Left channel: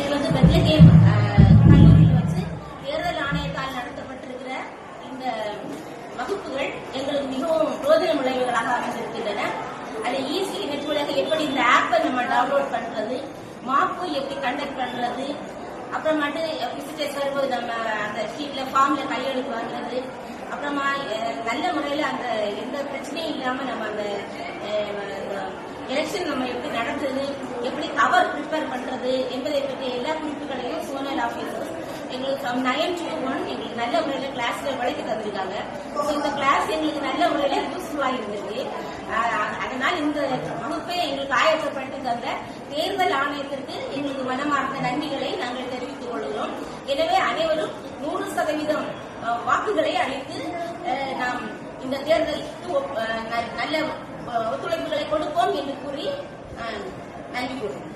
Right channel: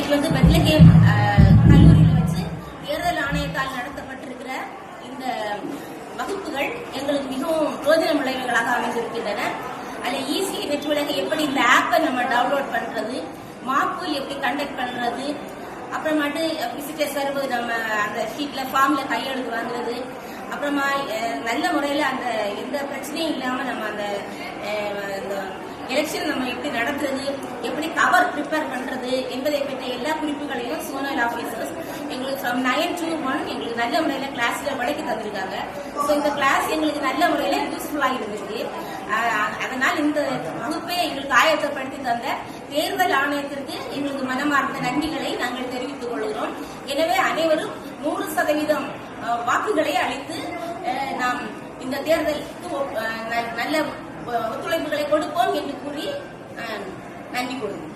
இன்னைக்கு பெத்லகேம் கல்லூரியில் வச்சு தேர்தல் ஆணையத்தால் நடத்தப்பட்டிருக்கிற இந்த வகுப்புகள் எங்களுக்கு மிகவும் பிரோஜனம் விளைவுகளாக அமைஞ்சிருக்கின்றன. அதுல ஈஸி நெட்வொர்க்கை எப்படி இந்த ஆப்பை நம்ம டவுன்லோட் பண்றது, மாப்பு எப்படி கண்டக்ட் பண்றது, அப்புறமாட்டு விசிட்டர்ஸ் வரும்போது நம்ம அந்த ஷீட்ல ஃபார்ம்ல கையெழுத்து வாங்குறது, அப்புறமா நல்ல முறையில் அந்த எந்த பிரச்சனையும் இல்லாம நம்ம அந்த எலெக்ஷன் நம்ம எப்படி நடத்துறது, எப்படி கவர் ப்ரிப்பேர் பண்றது என்பதை பற்றிய எல்லா குறிப்புகளையும் சோனல் ஆபீசர்ஸ் எங்களுக்கு from 9 to 1 எங்களுக்கு நல்ல முறையில கிளாஸ்ல விளக்கி தந்திருக்காங்க. ஸோ இந்த கிளாஸ் எங்களுக்கு நல்ல முறையில யூஸ்ஃபுல்லா இருந்திருக்கு. அதனால் இந்த வகுப்பை எங்களுக்கு ஆயத்தப்படுத்தி தந்த தேர்தல் ஆணையத்திற்கு எங்களுக்கு மனமார்ந்த நன்றிகளை நாங்கள் தெரிவித்துக் கொள்கிறோம். எனவே அனைவரும் 100% வாக்குகளை அளித்து நாம் இந்த தேர்தலுக்கு நல்ல ஒத்துழைப்புகளை கொடுப்போம் என்று கூறி நன்றி கூறுகிறோம்.